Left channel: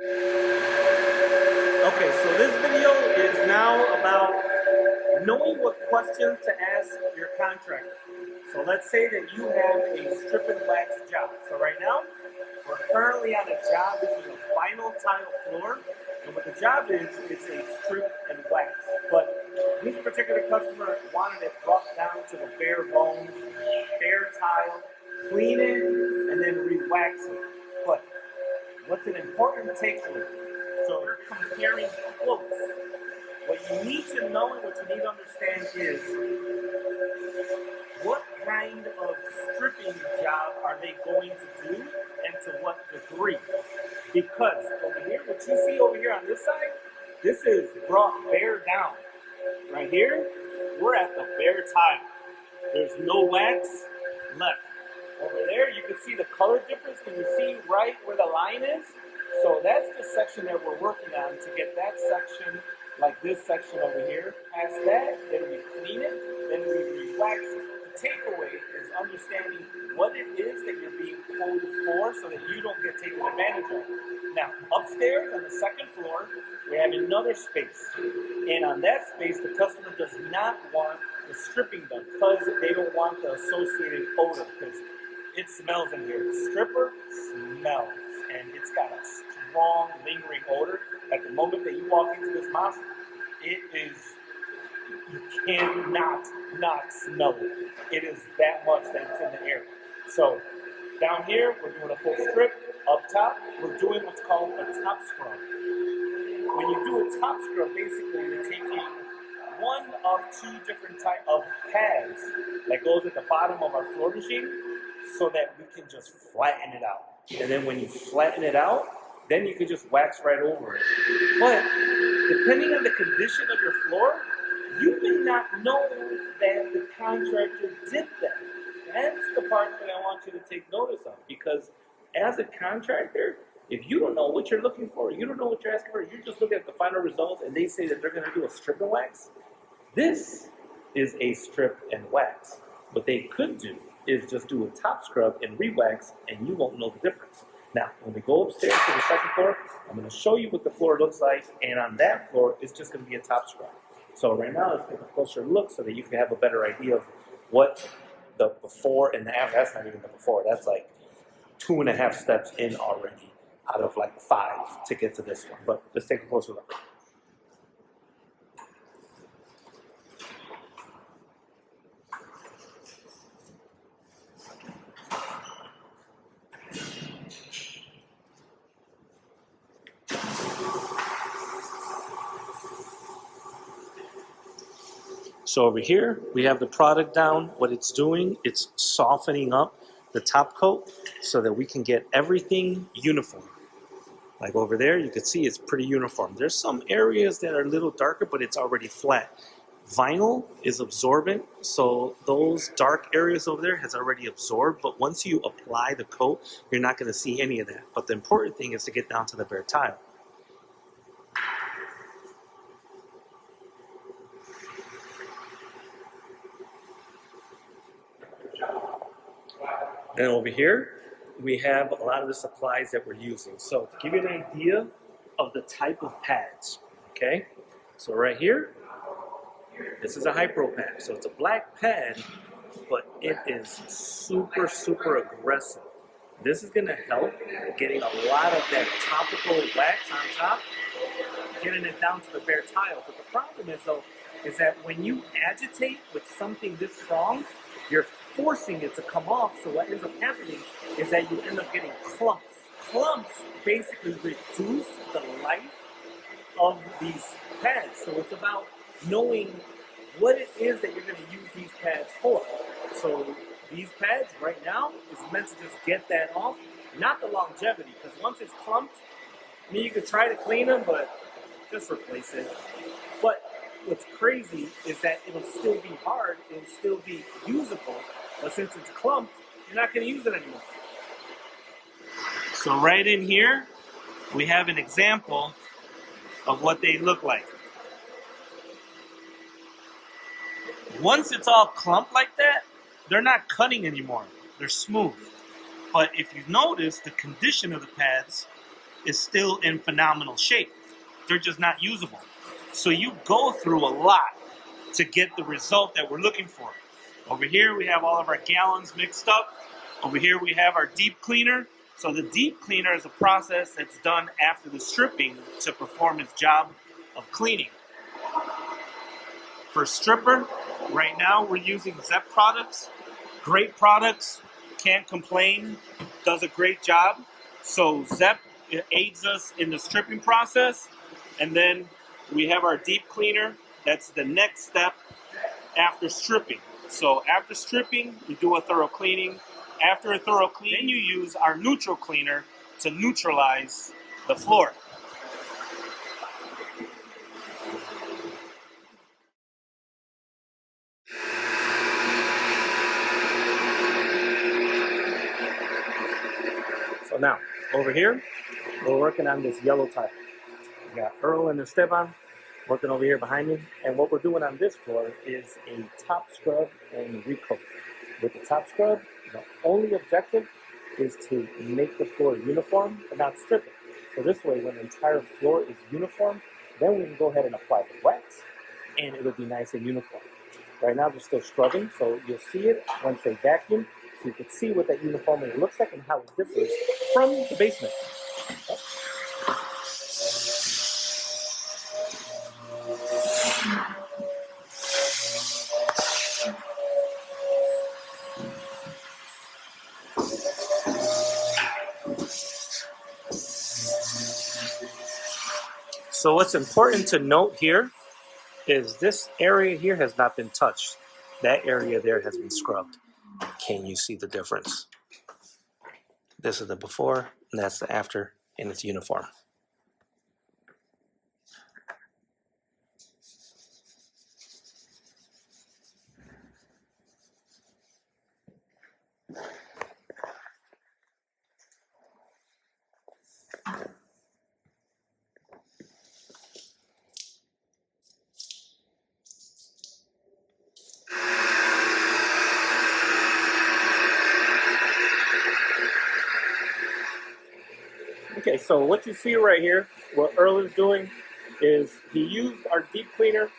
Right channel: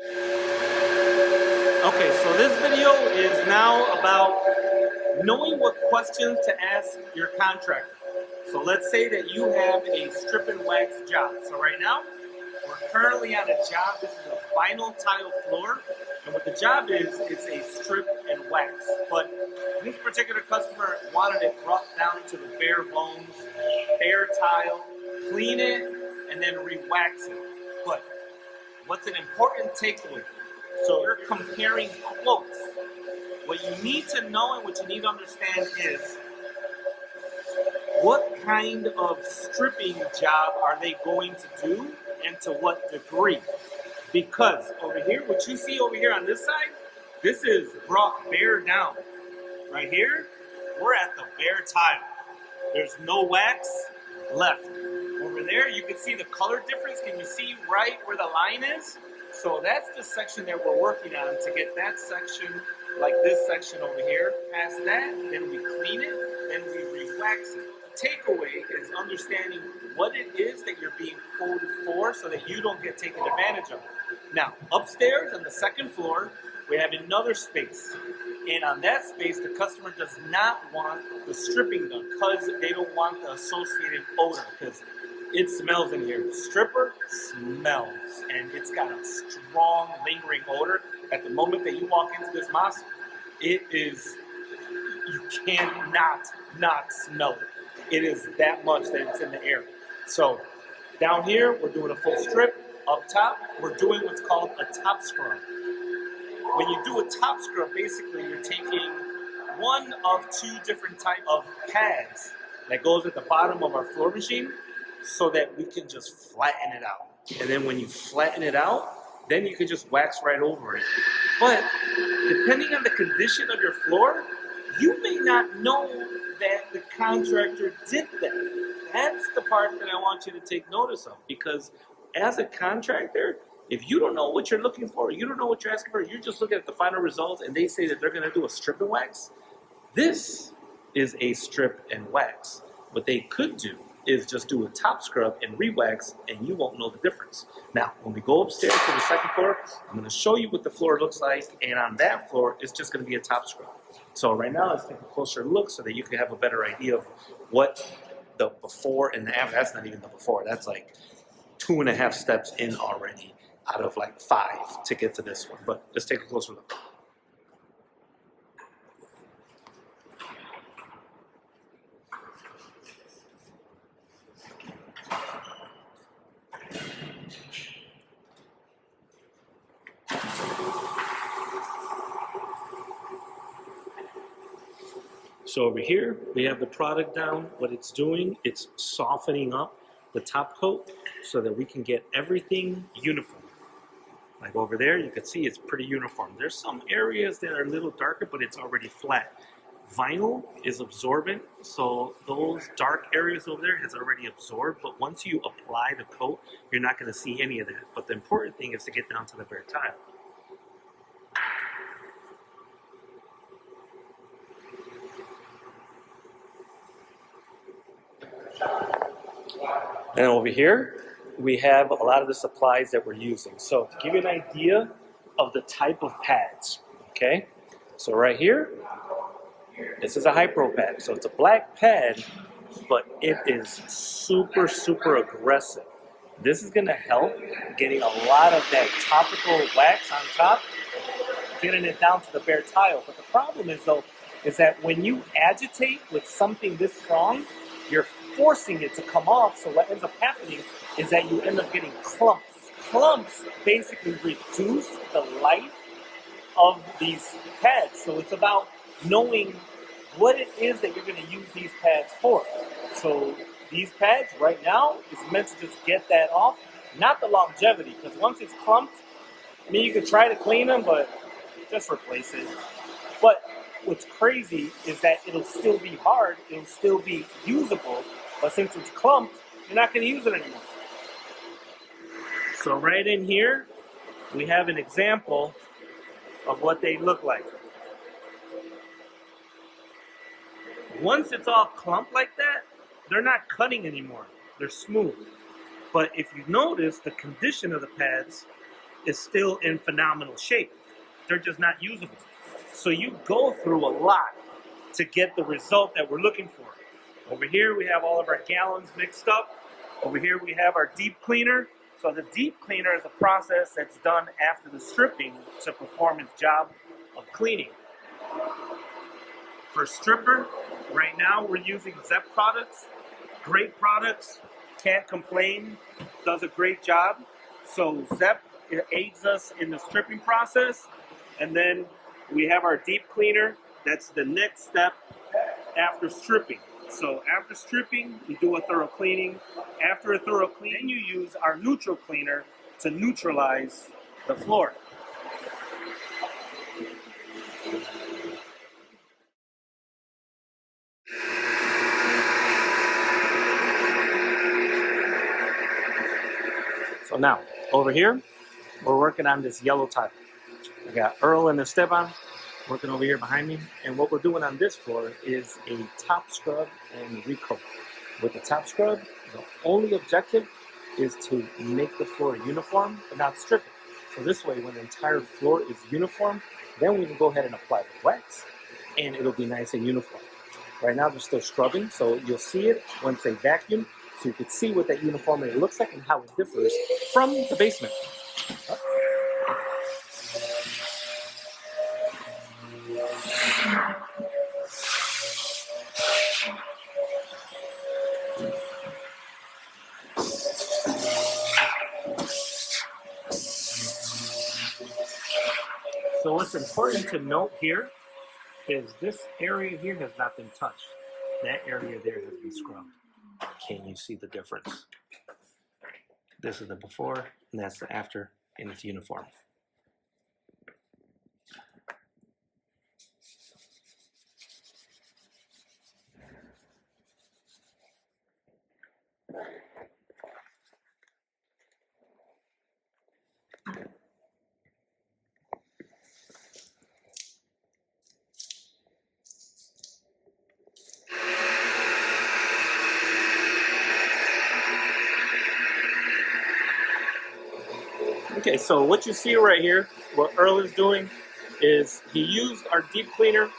Okay, so this video is now about knowing what questions to ask your contractor. So let's say that you have a strip and wax job. So right now, we're currently on a job. This is a vinyl tile floor. And what the job is, it's a strip and wax. But this particular customer wanted it brought down to the bare bones, bare tile, clean it, and then re-wax it. But what's an important takeaway? So you're comparing quotes. What you need to know and what you need to understand is what kind of stripping job are they going to do and to what degree. Because over here, what you see over here on this side, this is brought bare down. Right here, we're at the bare tile. There's no wax left. Over there, you can see the color difference. Can you see right where the line is? So that's the section that we're working on to get that section, like this section over here. Past that, then we clean it, then we re-wax it. The takeaway is understanding what it is that you're being quoted for so that you don't get taken advantage of. Now, upstairs on the second floor, we have another space. And on that space, the customer does not want the stripping done because they don't want the associated odor, because it smells in here. Stripper smells, and it's got a strong, lingering odor. At the moment that you walk into this mosque, it is, you cannot not smell it. It is that much that it's in the air. So down here, we're doing a full strip. Up top, we're doing what's called a top scrub. When you do a top scrub, basically you're taking one of two different types of pads that goes at the bottom of our floor machine so that we can just flatten it out. And then when you flatten it out, then you can just wax right over it. But depending on the condition of your floor, you may not know that the contractor did that. That's the part that I want you to take notice of, because as a contractor, if you don't know what you're looking for, you don't know what you're asking for, you're just looking at the final results and they say that they're going to do a strip and wax. This is a strip and wax. What they could do is just do a top scrub and re-wax, and you won't know the difference. Now, when we go upstairs to the second floor, I'm going to show you what the floor looks like, and on that floor, it's just going to be a top scrub. So right now, let's take a closer look so that you can have a better idea of what the before and the after. That's not even the before. That's like 2.5 steps in already out of like 5 to get to this one. But let's take a closer look. So over here, we have the product down. What it's doing, it's softening up the top coat so that we can get everything uniform. Like over there, you can see it's pretty uniform. There's some areas that are a little darker, but it's already flat. Vinyl is absorbent, so those dark areas over there has already absorbed, but once you apply the coat, you're not going to see any of that. But the important thing is to get down to the bare tile. And over here, we have a lot of the supplies that we're using. So to give you an idea of the type of pads, okay? So right here, this is a Hypro pad. So it's a black pad, but it is super, super aggressive. This is gonna help getting a lot of that topical wax on top, getting it down to the bare tile. But the problem is though, is that when you agitate with something this strong, you're forcing it to come off. So what ends up happening is that you end up getting clumps. Clumps basically reduce the life of these pads. So it's about knowing what it is that you're going to use these pads for. So these pads right now is meant to just get that off, not the longevity, because once it's clumped, I mean, you could try to clean them, but just replace it. But what's crazy is that it'll still be hard, it'll still be usable, but since it's clumped, you're not going to use it anymore. So right in here, we have an example of what they look like. Once it's all clumped like that, they're not cutting anymore. They're smooth. But if you notice, the condition of the pads is still in phenomenal shape. They're just not usable. So you go through a lot to get the result that we're looking for. Over here we have all of our gallons mixed up. Over here we have our deep cleaner. So the deep cleaner is a process that's done after the stripping to perform its job of cleaning. For stripper, right now we're using Zepp products. Great products, can't complain, does a great job. So Zepp aids us in the stripping process. And then we have our deep cleaner. That's the next step after stripping. So after stripping, we do a thorough cleaning. After a thorough cleaning, then you use our neutral cleaner to neutralize the floor. So now, over here, we're working on this yellow tile. We got Earl and Esteban working over here behind me. And what we're doing on this floor is a top scrub and recoat. With the top scrub, the only objective is to make the floor uniform, but not strip it. So this way, when the entire floor is uniform, then we can go ahead and apply the wax, and it'll be nice and uniform. Right now, they're still scrubbing, so you'll see it once they vacuum, so you can see what that uniformity looks like and how it differs from the basement. So what's important to note here is this area here has not been touched. That area there has been scrubbed. Can you see the difference? This is the before, and that's the after, and it's uniform. Okay, so what you see right here, what Earl is doing is he used our deep cleaner,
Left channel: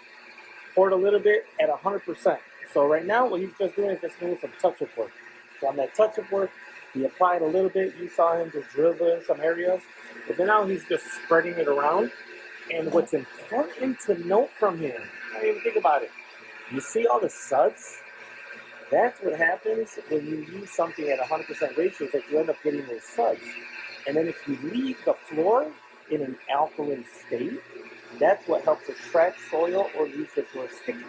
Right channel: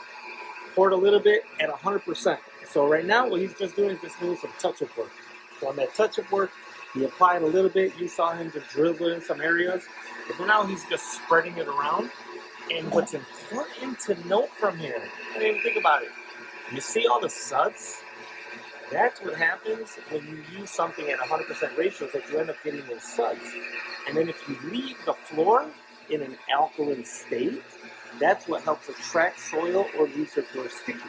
poured a little bit at 100%. So right now what he's just doing is just doing some touch-up work. So on that touch-up work, he applied a little bit. You saw him just drizzle in some areas. But then now he's just spreading it around. And what's important to note from here, I didn't even think about it. You see all the suds? That's what happens when you use something at 100% ratios, that you end up getting those suds. And then if you leave the floor in an alkaline state, that's what helps attract soil or leaves your floor sticky.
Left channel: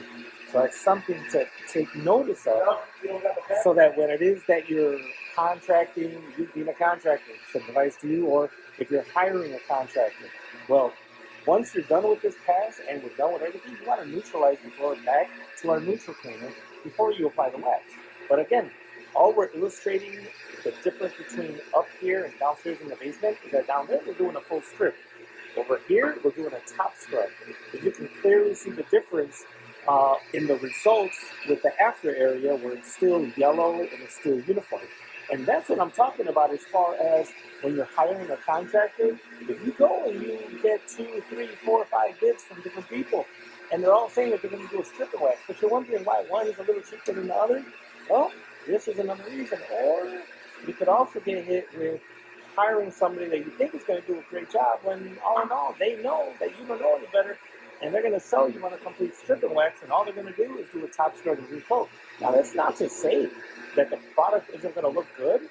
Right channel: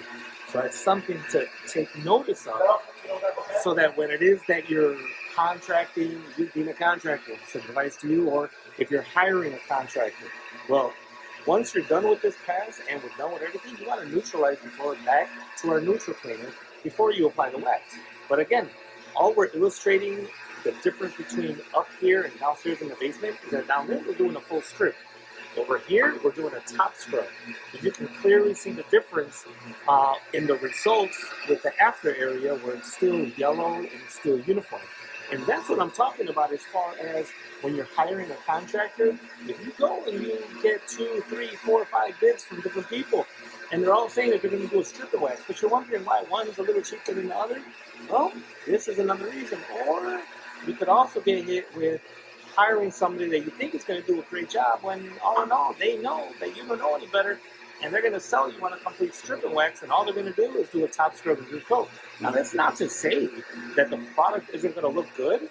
So it's something to take notice of, so that when it is that you're contracting, you being a contractor, it's advice to you, or if you're hiring a contractor, well, once you're done with this pass and we're done with everything, you want to neutralize the floor back to our neutral cleaner before you apply the wax. But again, all we're illustrating the difference between up here and downstairs in the basement is that down there we're doing a full strip. Over here we're doing a top scrub. And you can clearly see the difference in the results with the after area, where it's still yellow and it's still uniform. And that's what I'm talking about as far as when you're hiring a contractor. If you go and you get 2, 3, 4, 5 bids from different people, and they're all saying that they're going to do a strip and wax, but you're wondering why one is a little cheaper than the other, well, this is another reason. Or you could also get hit with hiring somebody that you think is going to do a great job, when all in all, they know that you don't know any better, and they're going to sell you on a complete strip and wax, and all they're going to do is do a top scrub and recoat. Now, that's not to say that the product isn't going to look good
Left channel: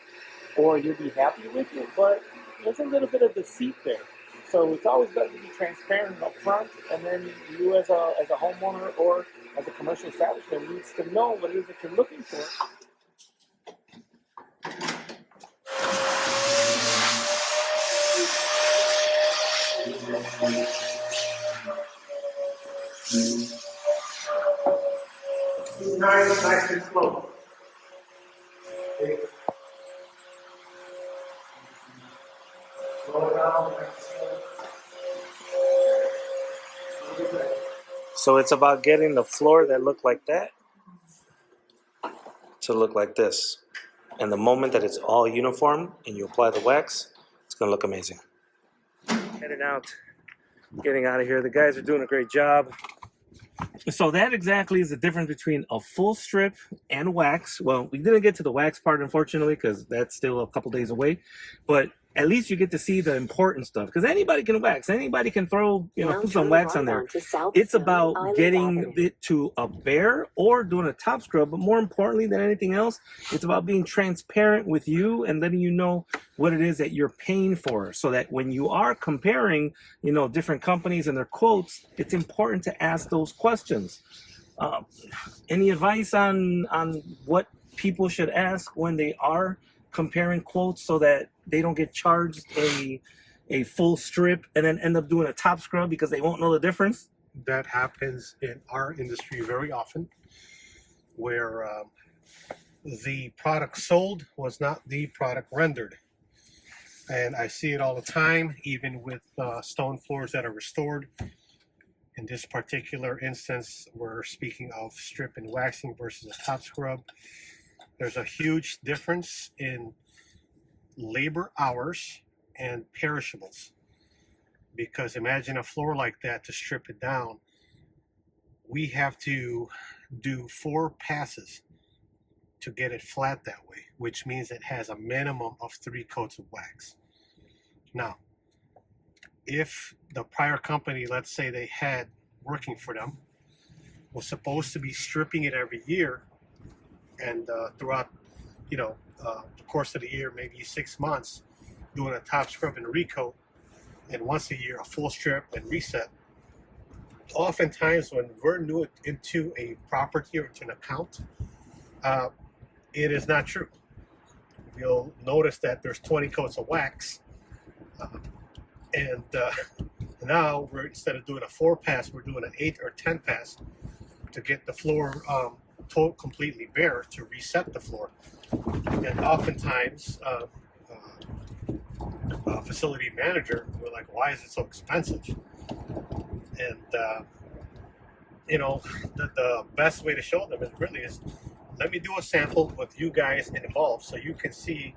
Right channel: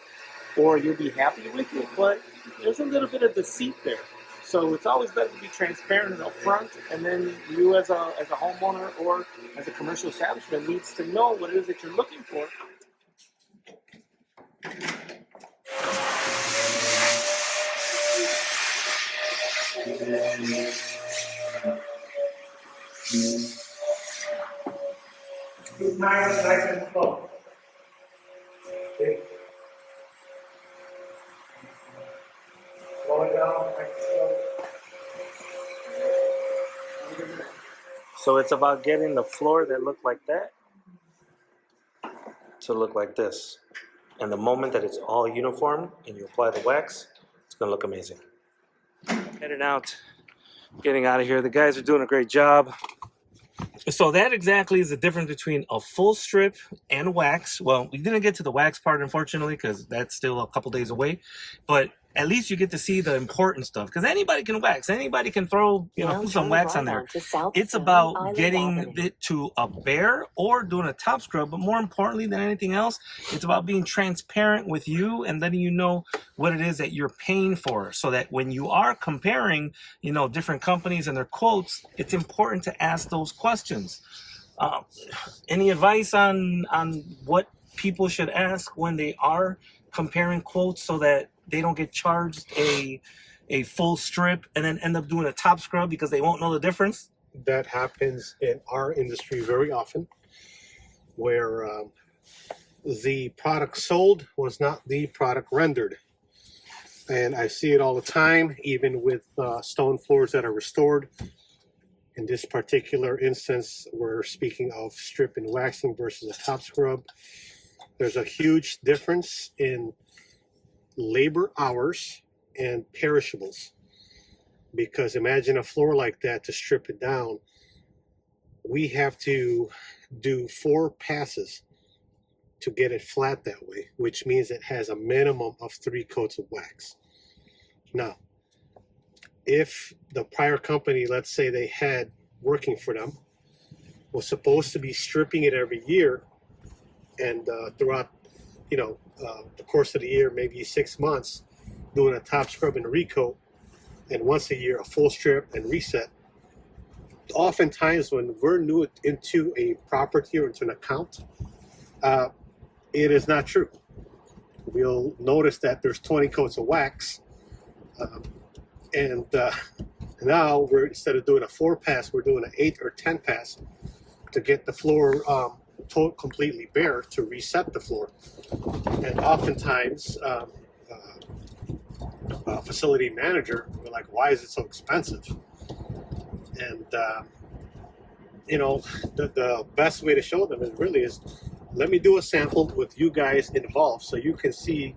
or you'll be happy with it, but there's a little bit of deceit there. So it's always better to be transparent and upfront, and then you as a homeowner or as a commercial establishment needs to know what it is that you're looking for. Nice and slow. Okay. Slow it down. So it's about getting the floor that looked like that to look like this. And the moment that it's all uniform and you apply the wax, it's going to look amazing. Heading out, getting out of here. The guys are doing a great job. So that exactly is the difference between a full strip and wax. Well, we didn't get to the wax part, unfortunately, because that's still a couple days away. But at least you get to see the important stuff, because anybody can wax. Anybody can throw, put some wax on there. It's about getting it to a bare or doing a top scrub. But more importantly than anything else, it's about being transparent with you and letting you know what it is that you're paying for, so that when you are comparing, different companies and their quotes, it's important to ask those questions. Any advice on what people should ask when they are comparing quotes, so that they don't get charged a full strip and then end up doing a top scrub because they won't know the difference? That happens in our industry very often, where the product sold was not the product rendered. And I see it all the time, even with stone floors that are restored. In this particular instance, we're speaking of strip and waxing versus a top scrub. There's a huge difference in labor hours and perishables, because imagine a floor like that. To strip it down, we have to do 4 passes to get it flat that way, which means it has a minimum of 3 coats of wax. Now, if the prior company, let's say they had working for them, was supposed to be stripping it every year, and throughout the course of the year, maybe 6 months, doing a top scrub and a recoat, and once a year a full strip and reset. Oftentimes when we're new into a property or into an account, it is not true. We'll notice that there's 20 coats of wax, and now we're, instead of doing a 4 pass, we're doing an 8 or 10 pass to get the floor completely bare, to reset the floor. And oftentimes a facility manager, we're like, why is it so expensive? And the best way to show them is let me do a sample with you guys involved, so you can see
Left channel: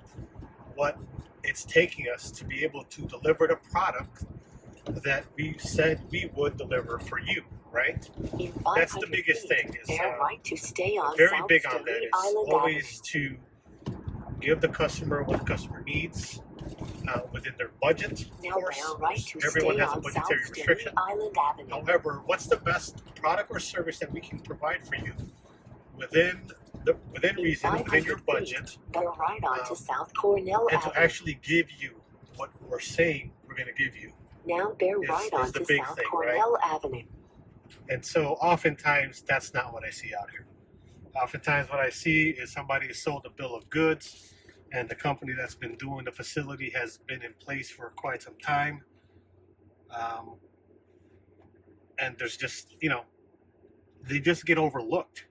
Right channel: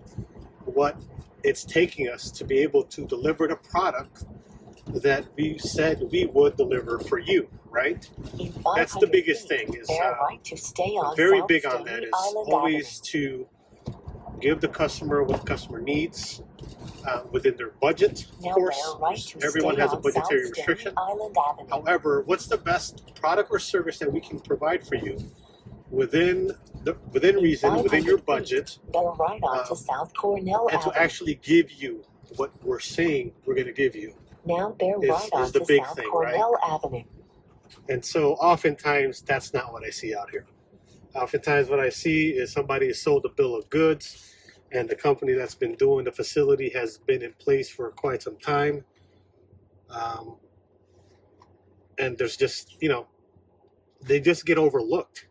what it's taking us to be able to deliver the product that we said we would deliver for you, right? That's the biggest thing. Is very big on that. Is always to give the customer what the customer needs within their budget. Of course, everyone has a budgetary restriction. However, what's the best product or service that we can provide for you within reason, within your budget, and to actually give you what we're saying we're going to give you. Now bear right on the to big South thing, Cornell right? Avenue. And so oftentimes that's not what I see out here. Oftentimes what I see is somebody has sold a bill of goods, and the company that's been doing the facility has been in place for quite some time. And there's just, they just get overlooked,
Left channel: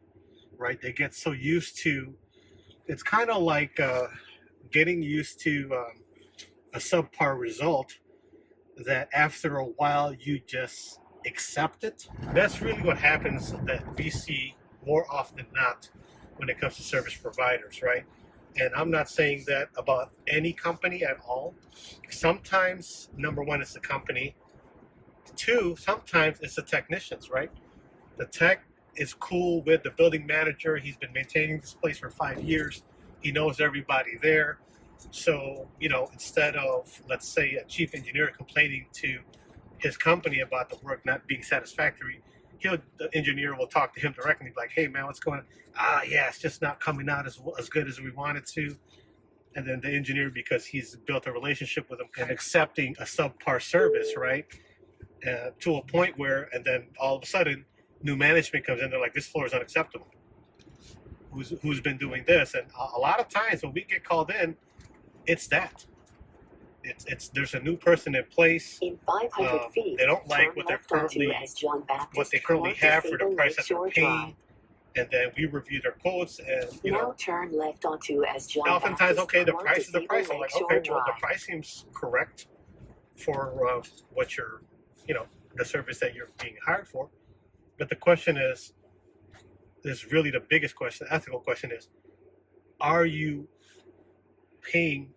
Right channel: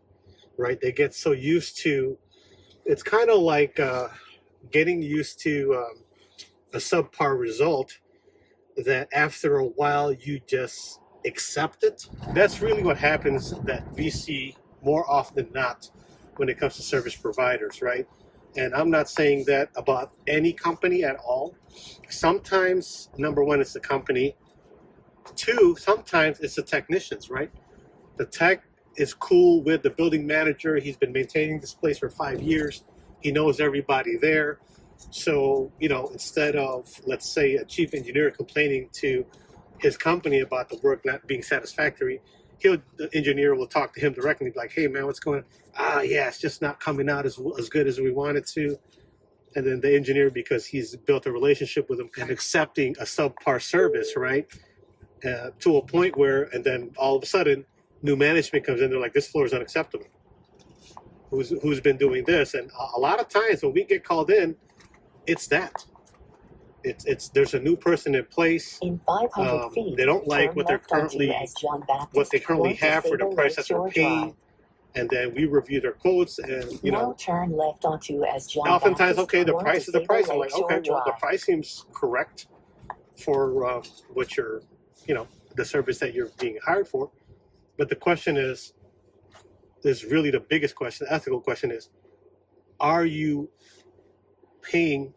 right? They get so used to, it's kind of like getting used to a subpar result, that after a while you just accept it. That's really what happens, that we see more often than not when it comes to service providers, right? And I'm not saying that about any company at all. Sometimes, number one, it's the company. 2, sometimes it's the technicians, right? The tech is cool with the building manager. He's been maintaining this place for 5 years. He knows everybody there. So, instead of, let's say, a chief engineer complaining to his company about the work not being satisfactory, the engineer will talk to him directly, be like, hey, man, what's going on? Yeah, it's just not coming out as good as we want it to. And then the engineer, because he's built a relationship with him, and accepting a subpar service, right? To a point where, and then all of a sudden, new management comes in, they're like, this floor is unacceptable. Who's been doing this? And a lot of times when we get called in, it's that. It's there's a new person in place. In 500 feet, they don't like what they currently have for the price that they're paying, and then we review their quotes, and now turn left onto as John oftentimes, Baptist okay, the price is the price. I'm like, okay, well, the Drive. price seems correct for what you're, the service that you're being hired for. But the question is really the biggest question, the ethical question is, are you paying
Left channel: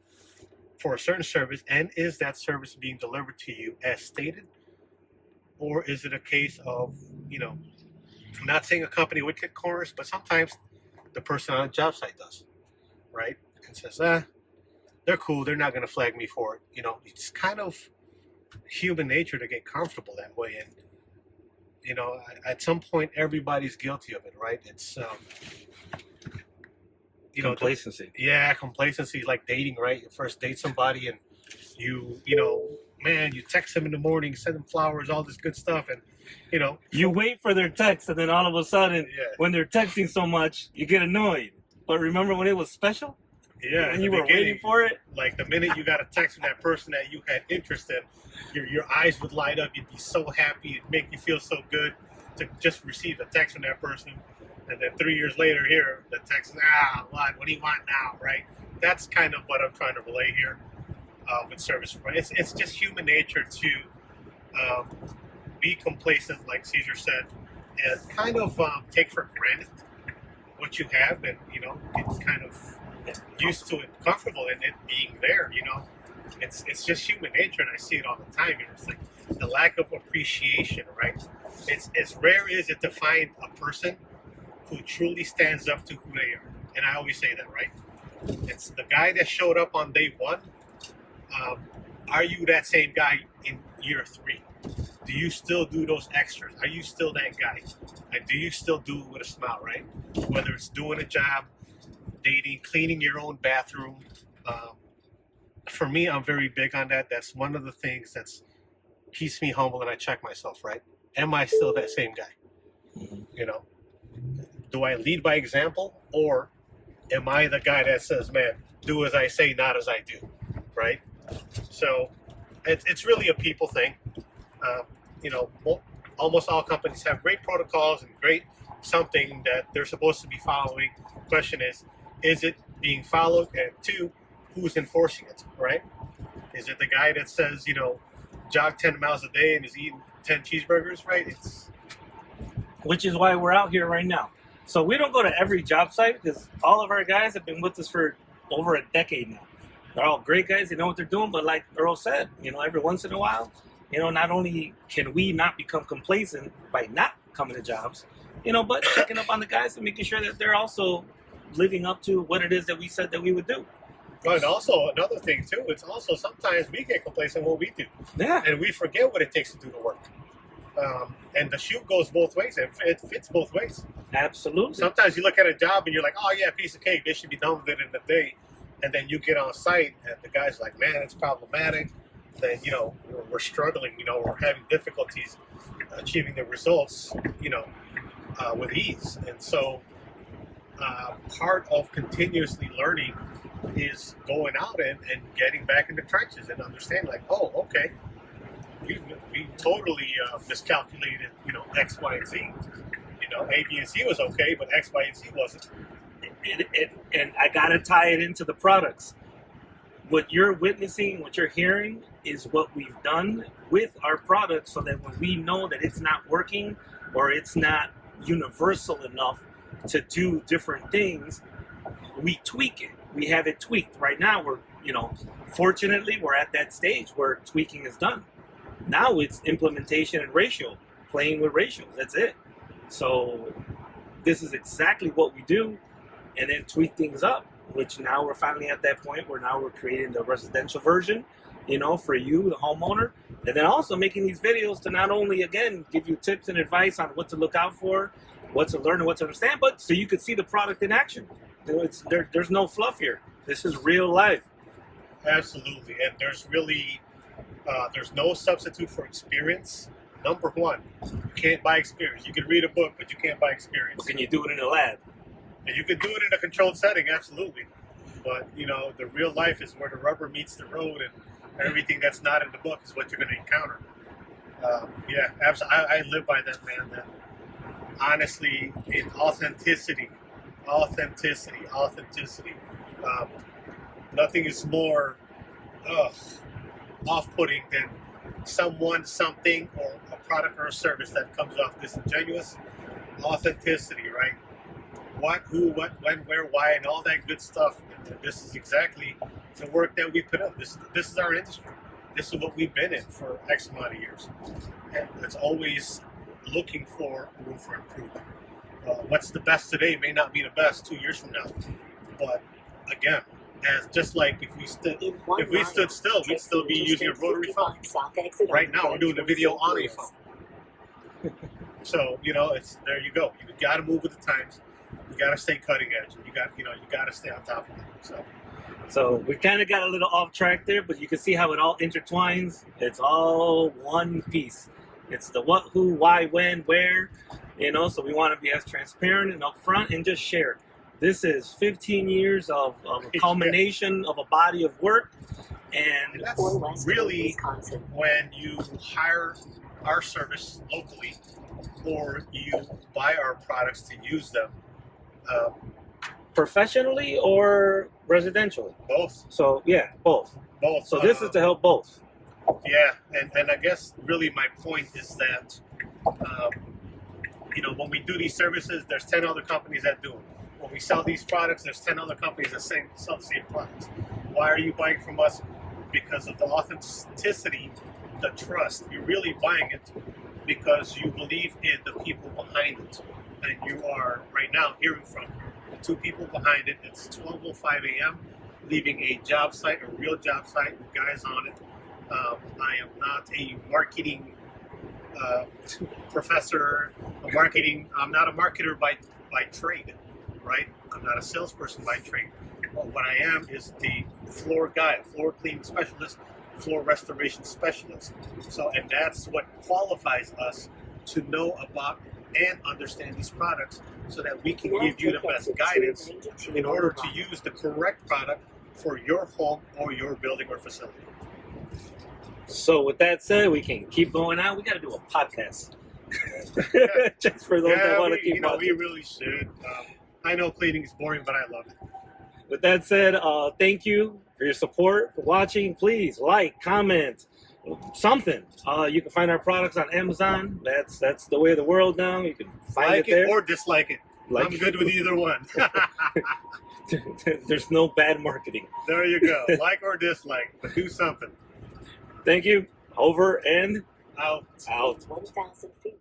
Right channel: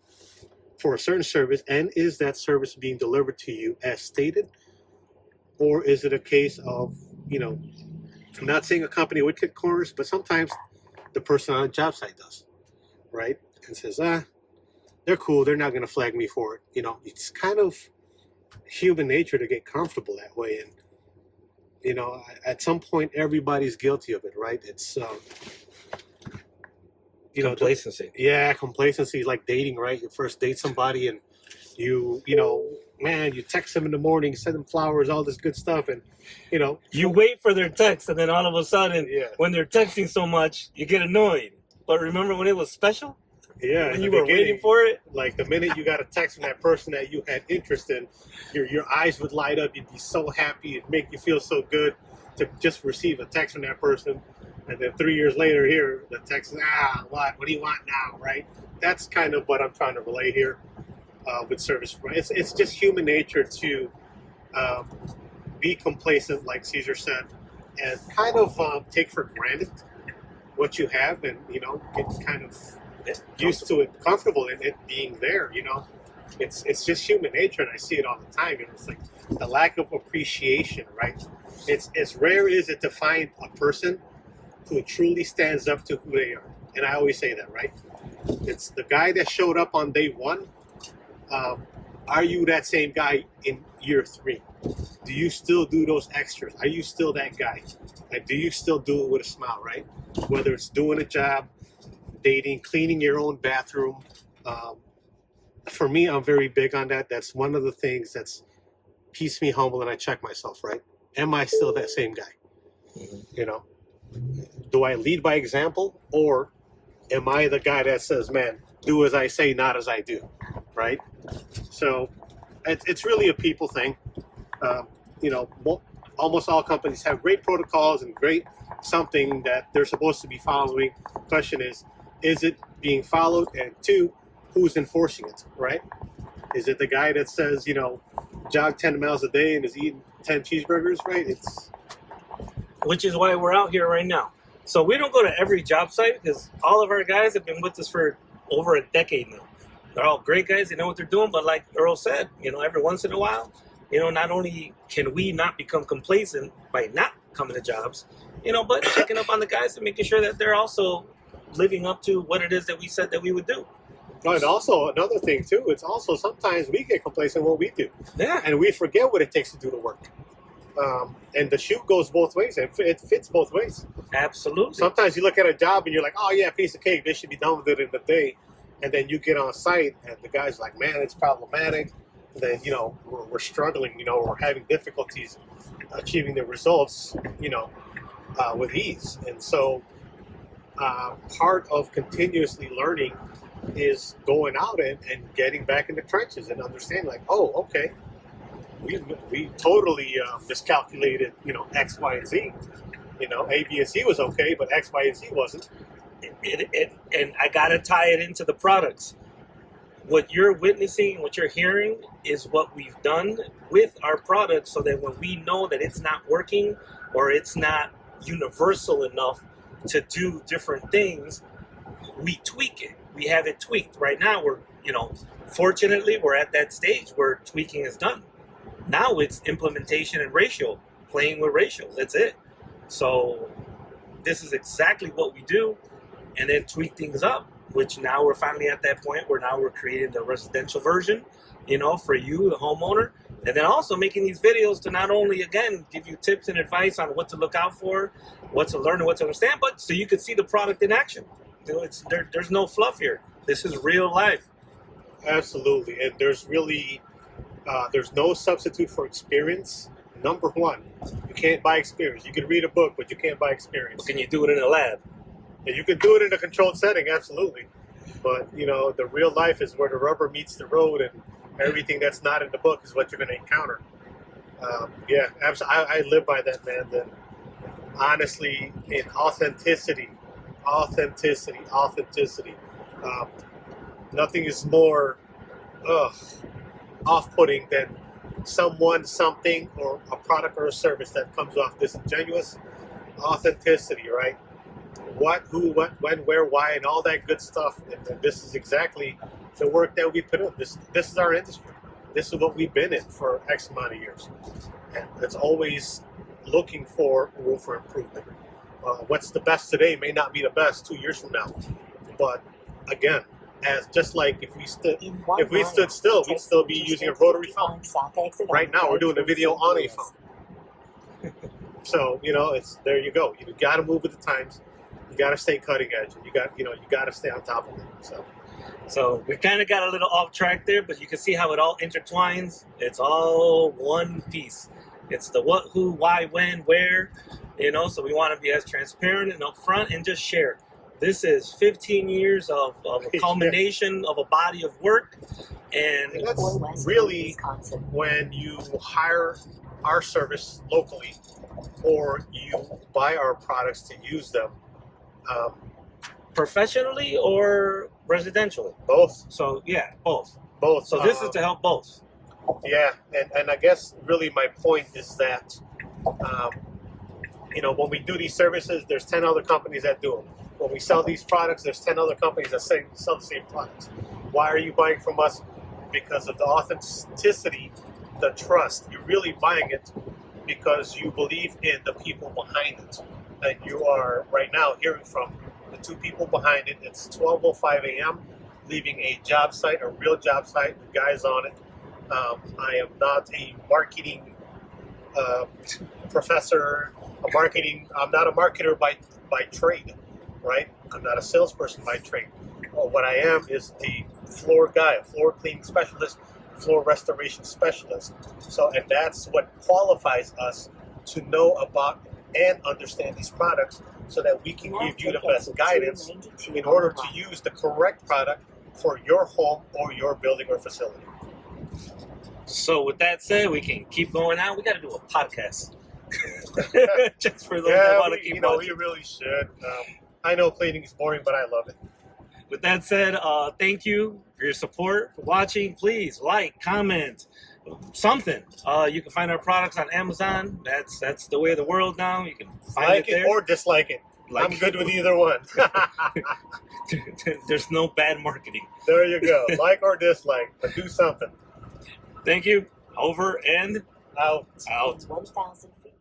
for a certain service, and is that service being delivered to you as stated, or is it a case of, you know, I'm not saying a company would cut corners, but sometimes the person on a job site does, right? And says, they're cool, they're not going to flag me for it. You know, it's kind of human nature to get comfortable that way. And, you know, at some point, everybody's guilty of it, right? It's, you know, Complacency. complacency is like dating, right? You first date somebody and you know, man, you text them in the morning, send them flowers, all this good stuff. And, you know, You wait for their text, and then all of a sudden, yeah, when they're texting so much, you get annoyed. But remember when it was special? yeah, When in you the were beginning, waiting for it? like the minute you got a text from that person that you had interest in, your eyes would light up. You'd be so happy. It'd make you feel so good to just receive a text from that person. And then 3 years later, here the text is, what do you want now, right? That's kind of what I'm trying to relay here with service. It's just human nature to be complacent, like Caesar said, and kind of take for granted what you have, and, you know, get kind of used to it, comfortable in it being there. You know, it's just human nature, and I see it all the time. You know, it's like the lack of appreciation, right? It's as rare is it to find a person who truly stands up to who they are, and I always say that, right? It's the guy that showed up on day one. Are you that same guy in year 3? Do you still do those extras? Are you still that guy? And do you still do it with a smile, right? Whether it's doing a job, dating, cleaning your own bathroom. For me, I'm very big on that. That's one of the things that's keeps me humble, and I check myself, right? Am I still that same guy? Mm-hmm. You know, do I lead by example, or am I the guy that says, man, do as I say, not as I do, right? So it's really a people thing. You know, almost all companies have great protocols and great something that they're supposed to be following. Question is it being followed? And 2, who's enforcing it, right? Is it the guy that says, you know, jog 10 miles a day and is eating 10 cheeseburgers, right? Which is why we're out here right now. So we don't go to every job site, because all of our guys have been with us for over a decade now. They're all great guys. They know what they're doing. But like Earl said, you know, every once in a while, you know, not only can we not become complacent by not coming to jobs, you know, but checking up on the guys and making sure that they're also living up to what it is that we said that we would do. And also another thing too, it's also sometimes we get complacent in what we do. Yeah. And we forget what it takes to do the work. And the shoe goes both ways. It fits both ways. Absolutely. Sometimes you look at a job and you're like, oh yeah, piece of cake. They should be done with it in a day. And then you get on site and the guy's like, man, it's problematic. Then, you know, we're struggling, you know, we're having difficulties achieving the results, you know, with ease. And so part of continuously learning is going out and getting back in the trenches and understanding, like, oh, okay, we totally miscalculated, you know, X, Y, and Z. You know, A, B, and C was okay, but X, Y, and Z wasn't. And I got to tie it into the products. What you're witnessing, what you're hearing is what we've done with our products, so that when we know that it's not working or it's not universal enough to do different things, we tweak it. We have it tweaked. Right now, we're, you know, fortunately, we're at that stage where tweaking is done. Now it's implementation and ratio, playing with ratios. That's it. So this is exactly what we do, and then tweak things up, which now we're finally at that point where now we're creating the residential version, you know, for you, the homeowner, and then also making these videos to not only, again, give you tips and advice on what to look out for, what to learn and what to understand, but so you could see the product in action. You know, there's no fluff here. This is real life. Absolutely. And there's really, there's no substitute for experience. Number one, you can't buy experience. You can read a book, but you can't buy experience. Can you do it in a lab? And you can do it in a controlled setting, absolutely. But, you know, the real life is where the rubber meets the road, and everything that's not in the book is what you're going to encounter. Yeah, absolutely. I live by that, man. That honestly, in authenticity. Nothing is more off-putting than someone, something, or a product or a service that comes off disingenuous. Authenticity, right? What, who, what, when, where, why, and all that good stuff. And this is exactly the work that we put in. This is our industry. This is what we've been in for X amount of years, and it's always looking for room for improvement. What's the best today may not be the best 2 years from now, but again, as just like if we stood still, we'd still be using a rotary phone. Right now, we're doing a video on a phone. So it's there. You go. You got to move with the times. You got to stay cutting edge. You got to stay on top of it. So we kind of got a little off track there, but you can see how it all intertwines. It's all one piece. It's the what, who, why, when, where. So we want to be as transparent and upfront and just share. This is 15 years of a culmination of a body of work. And that's really when you hire our service locally or you buy our products to use them. Professionally or residentially? Both. So, yeah, both. Both. So this is to help both. Yeah, and I guess really my point is that, when we do these services, there's 10 other companies that do them. When we sell these products, there's 10 other companies that sell the same products. Why are you buying from us? Because of the authenticity, the trust. You're really buying it because you believe in the people behind it. And you are right now hearing from the two people behind it. It's 12:05 a.m., leaving a job site, a real job site, with guys on it. I am not a marketing professor. I'm not a marketer by trade, right? I'm not a salesperson by trade. Well, what I am is a floor guy, a floor cleaning specialist, floor restoration specialist. And that's what qualifies us to know about and understand these products so that we can give you the best guidance in order to use the correct product for your home or your building or facility. So with that said, we can keep going out. We got to do a podcast. Just for those that want to keep watching. We really should. I know cleaning is boring, but I love it. With that said, thank you for your support, for watching. Please like, comment, something. You can find our products on Amazon. That's the way of the world now. You can find it there. Or dislike it. I'm good with either one. There's no bad marketing. There you go. Like or dislike, but do something. Thank you. Over and out. 1,000 feet.